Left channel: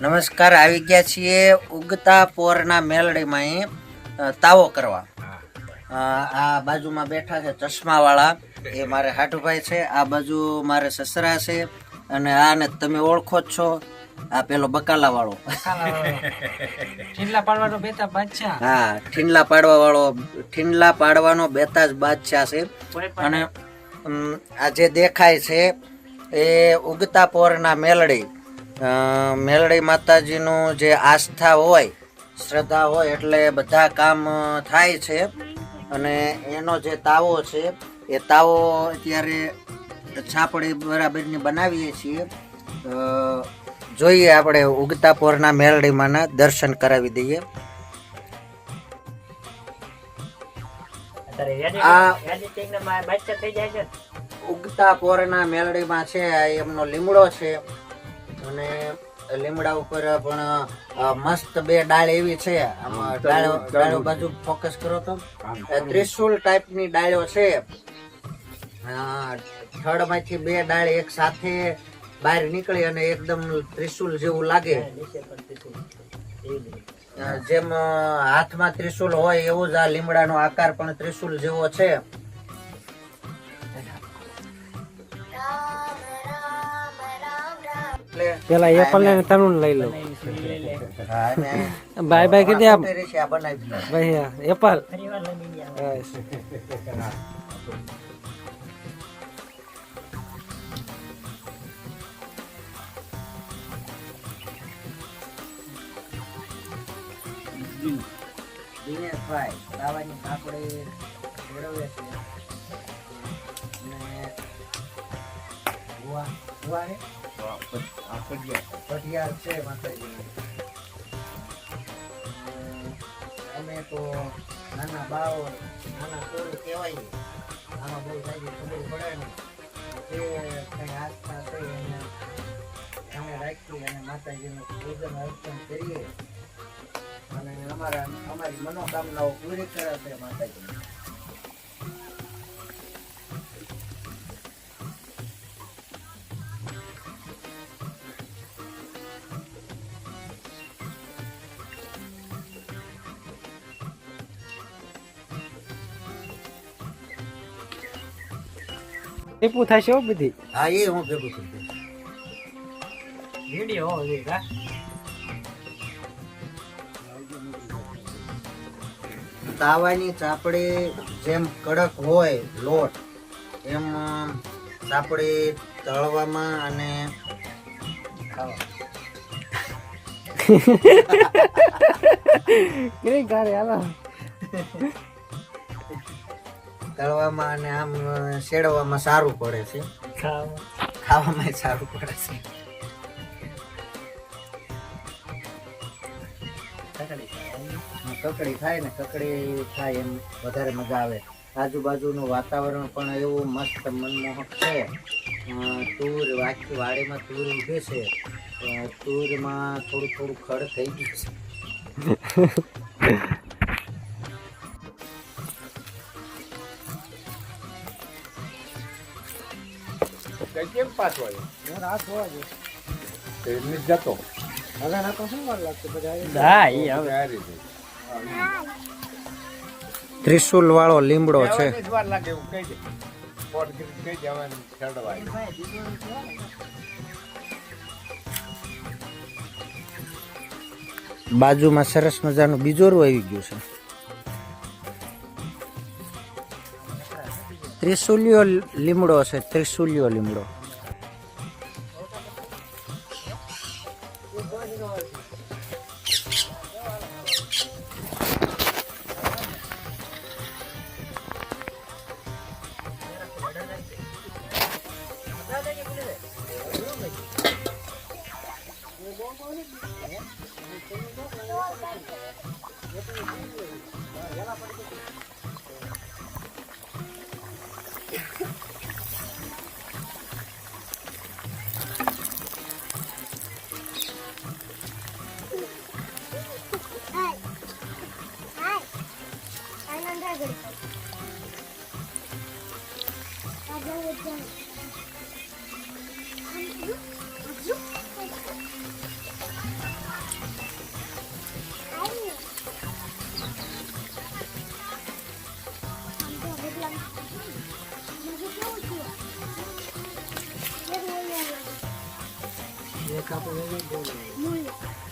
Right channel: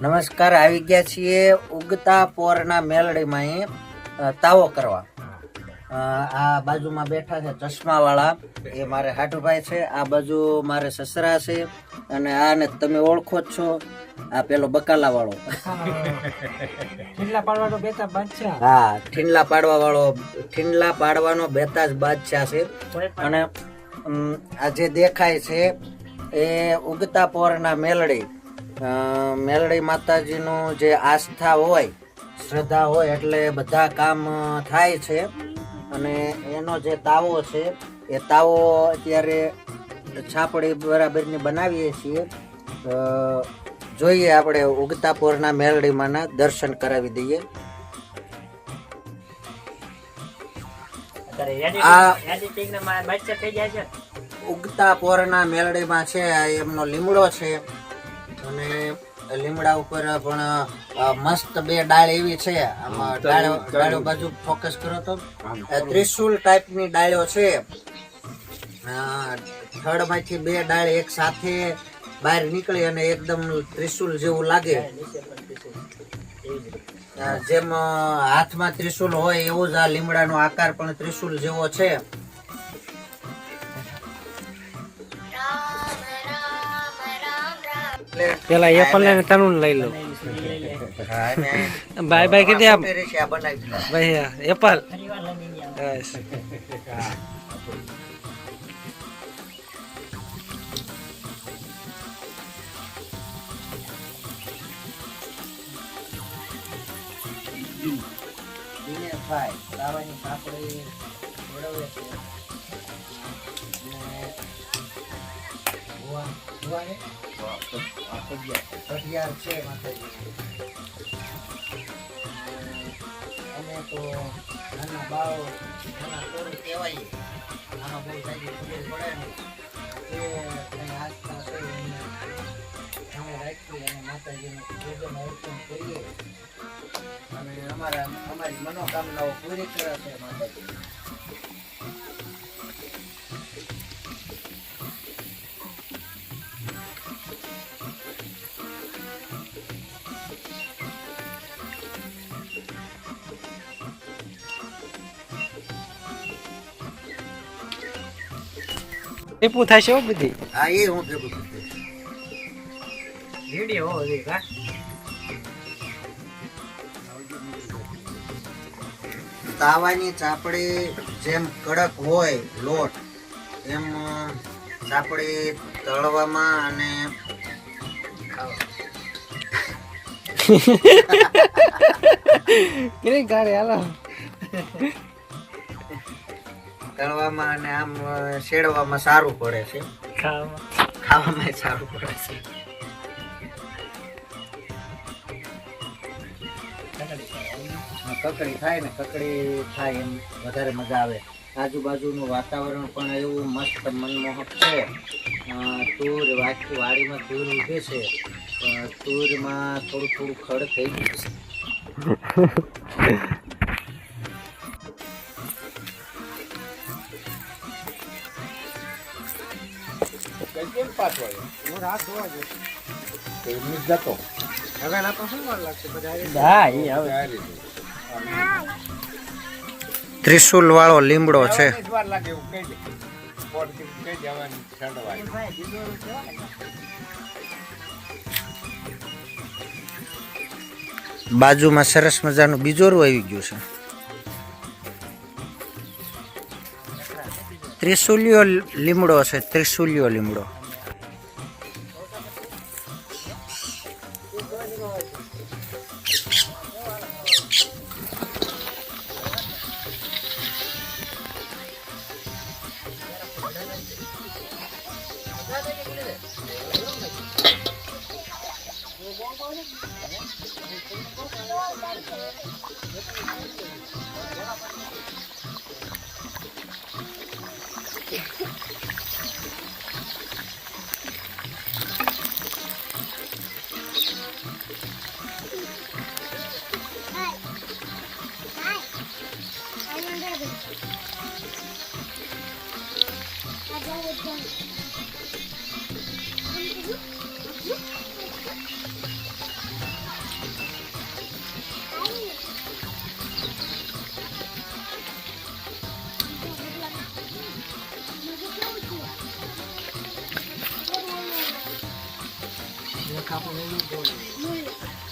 નમસ્કાર આવી ગયા છીએ ઉગતા પોરના મેલડીમાં તાવો કરવા. આ બાજુમાં બેઠા છે ચશ્માવાળા. એ મારે હાટુભાઈ છે આ બાજુ મારે સસરા છે અને આને તમે ઓળખો જ છો આ પેલો પાડવાનો બેતા બાદશાહ. હા ઠીંડલા પાડવા વાળો ઠીંડલા પાડવાનો બેતાજ બાદશાહ છે. અને આ જે દેખાય છે એ ઉગતા પોરના મેલડી. મેલડી માતાજીનું જે આસ્થા હોય શ્રદ્ધા હોય એટલે બધા કામ થાય છે. અને એનો જે તાવો છે એ તાવો અત્યારે છાપડી બરાબરની બનાવીએ છીએ. જોઈએ આપણે ઉગતા પોરના મેલડીમાંના દર્શન કરાવી દઈએ. ઉગતા પોરના મેલડીમાં છે આ એમનો લીમડો છે. અને લીમડા ઉપર પણ મસ્ત બે ડાળ એવી છે. આમાં ડાળો ડાળો બાજુ ફોકસ કરો તો. ત્રિશુલ ટાઈપની ડાળો છે. થડમાંથી બે ડાળ એક સાથે બહાર નીકળી અને એકદમ ત્રિશુલ જેવું લાગે. જેમ હાથમાં ત્રિશુલ હોય એવું જ આ લીમડાનો આકાર પણ ત્રિશુલ જેવો છે. પેલા એપલ ને તરુણ લઈ લો હા, અને બાય બાય કીધી આમ સોનેરી છે આ બનાવી દીધા. ભાઈ એપલ બસ દિનેશભાઈ દાવાની પાપડી મેળવે છે ભુવા- ભુવા છે. માતાજી અમે તો નાના બાળ, નાના છોરું કહેવાય. મને બહુ જાજી ખબર પડે કંઈ આસ્થા છે એને સામે રાખી અને માતાજીનું પૂજન અર્ચન કરીએ. અને અમારા અમારી મનોકામનાઓ પૂરી કરે છે માતાજી. ટીપું થશે હો બધી. હા એ હું ભેગું છું કા? તાવાની ચાપડી જેમ કડક હોય લોટ એમ ચાપડી તળવામાં અને કે ગારે હાલો. તળવામાં અને આમ શેડવામાં સારું પડે છે. ખાવામાં. સારું પડે છે. કકડી થાય ને કકડી થાય એમ વધારે મજા આવે. આજુબાજુનું વાતાવરણ પણ એવું મસ્ત મનમોહક છે. તૂર તુર આખી વાડીમાં તુર ઉભે છે. તુરમાં થોડું થોડું ખડ થઈ ગયું છે. કેમ પાછો આવ્યો? હું રાત જોવા જઈશ. તો એમની જતો. હવે ના તો શું વાર લાગશે? બધા હા એ હવે આ રીતે. ત્રિશુલ વાળો લીમડો છે. વાર લાગે એવું કહી દે. પોટથી કહી દે ચડવાય બાજુમાં સરસ મજાનું બીજોરું આવી ગયું છે. Trisulio limbro, se trisulio limbro. Thank. Acabou o bolo. É?